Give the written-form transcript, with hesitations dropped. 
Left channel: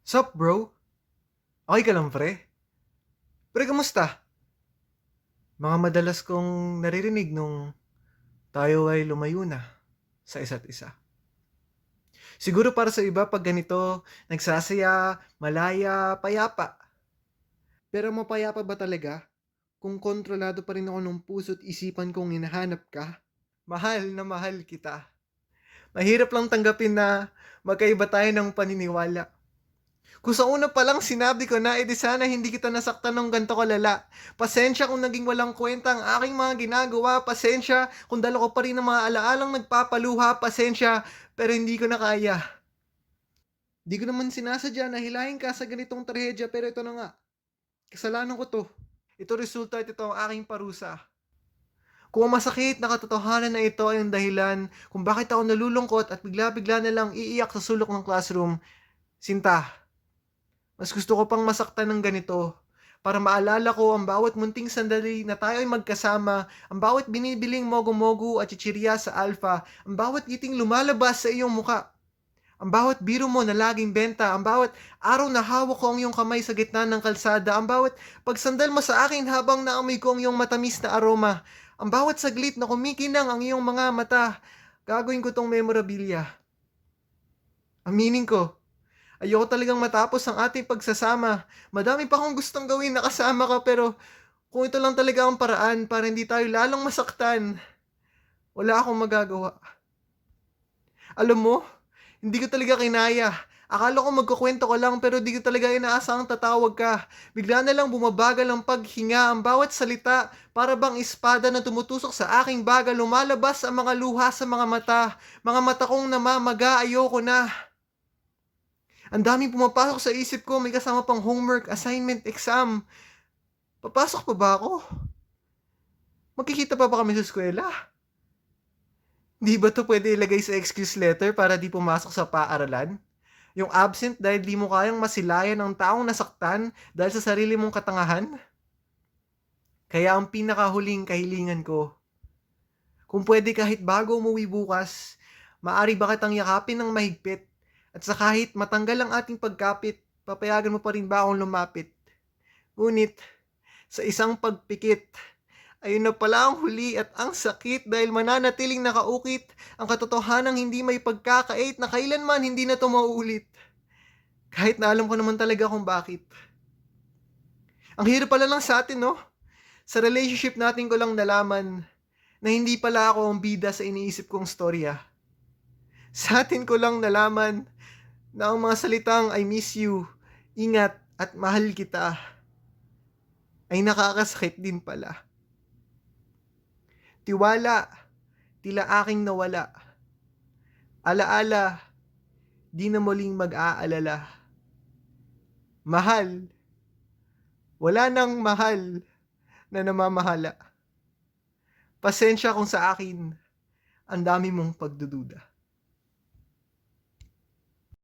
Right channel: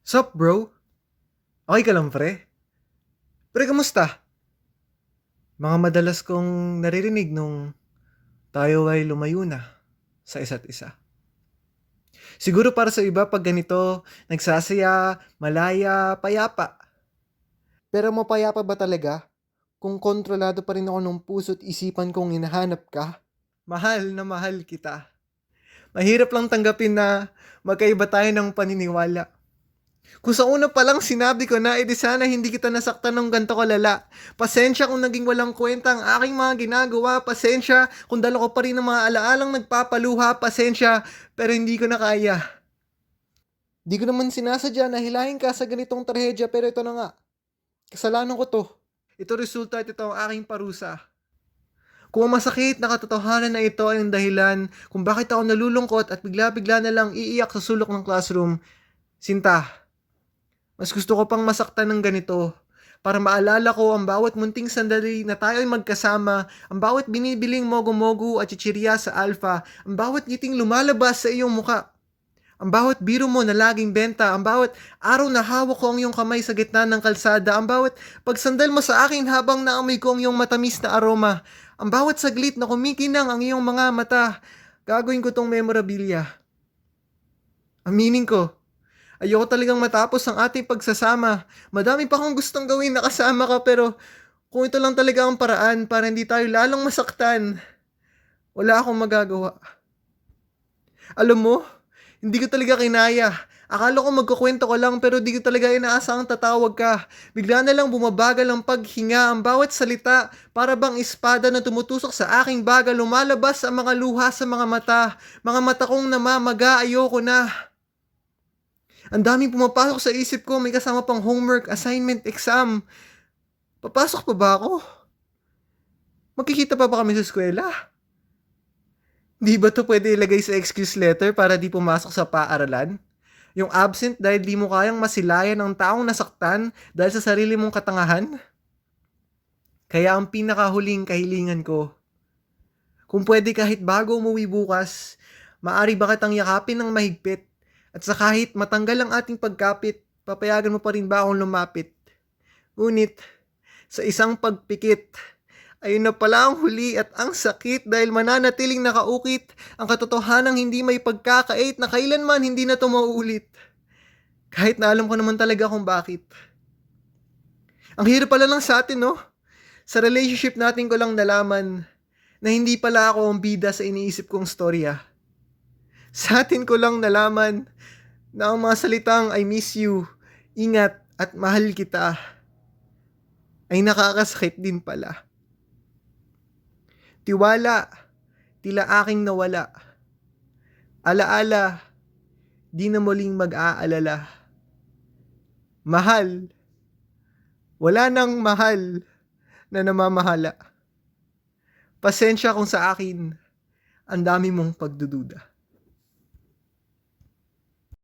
Sup, bro? Okay ka lang, pre? Pre, kamusta? Mga madalas kong naririnig nung tayo ay lumayo na sa isa't isa. Siguro para sa iba pag ganito, nagsasaya, malaya, payapa. Pero mapayapa ba talaga kung kontrolado pa rin ako ng puso't isipan kong hinahanap ka? Mahal na mahal kita. Mahirap lang tanggapin na magkaiba tayo ng paniniwala. Kung sa una pa lang sinabi ko na, edi sana hindi kita nasaktan ng ganito kalala. Pasensya kung naging walang kwenta ang aking mga ginagawa. Pasensya kung dala ko pa rin ng mga alaalang nagpapaluha. Pasensya, pero hindi ko na kaya. Di ko naman sinasadya na hilahin ka sa ganitong trahedya, pero ito na nga. Kasalanan ko to. Ito resulta at ito ang aking parusa. Kung ang masakit na katotohanan na ito ay ang dahilan kung bakit ako nalulungkot at bigla-bigla na lang iiyak sa sulok ng classroom, Sinta, mas gusto ko pang masaktan ng ganito para maalala ko ang bawat munting sandali na tayo ay magkasama, ang bawat binibiling mogo-mogo at chichirya sa Alpha, ang bawat ngiting lumalabas sa iyong muka, ang bawat biro mo na laging benta, ang bawat araw na hawak ko ang iyong kamay sa gitna ng kalsada, ang bawat pagsandal mo sa akin habang naamoy ko ang iyong matamis na aroma, ang bawat saglit na kumikinang ang iyong mga mata, gagawin ko tong memorabilia. Aminin ko, ayoko talagang matapos ang ating pagsasama. Madami pa akong gustong gawin na kasama ka pero kung ito lang talaga ang paraan para hindi tayo lalong masaktan, wala akong magagawa. Alam mo, hindi ko talaga kinaya. Akala ko magkukwento ko lang pero di ko talaga inaasahang tatawag ka. Bigla na lang bumabagal ang paghinga, ang bawat salita para bang espada na tumutusok sa aking baga, lumalabas ang mga luha sa mga mata. Mga mata kong namamaga, ayoko na. Ang daming pumapasok sa isip ko, may kasama pang homework, assignment, exam. Papasok pa ba ako? Magkikita pa ba kami sa eskwela? Di ba to pwede ilagay sa excuse letter para di pumasok sa paaralan? Yung absent dahil di mo kayang masilayan ang taong nasaktan dahil sa sarili mong katangahan? Kaya ang pinakahuling kahilingan ko, kung pwede kahit bago umuwi bukas, maari ba kitang yakapin ng mahigpit at sa kahit matanggal ang ating pagkapit, papayagan mo pa rin ba akong lumapit? Ngunit, sa isang pagpikit, ayun na pala ang huli at ang sakit dahil mananatiling nakaukit ang katotohanang hindi may pagkakait na kailanman hindi na ito mauulit. Kahit na alam ko naman talaga kung bakit. Ang hirap pala lang sa atin, no? Sa relationship natin ko lang nalaman na hindi pala ako ang bida sa iniisip kong storya. Sa atin ko lang nalaman na ang mga salitang I miss you, ingat at mahal kita ay nakakasakit din pala. Tiwala, tila aking nawala. Alaala, di na muling mag-aalala. Mahal, wala nang mahal na namamahala. Pasensya kung sa akin, ang dami mong pagdududa.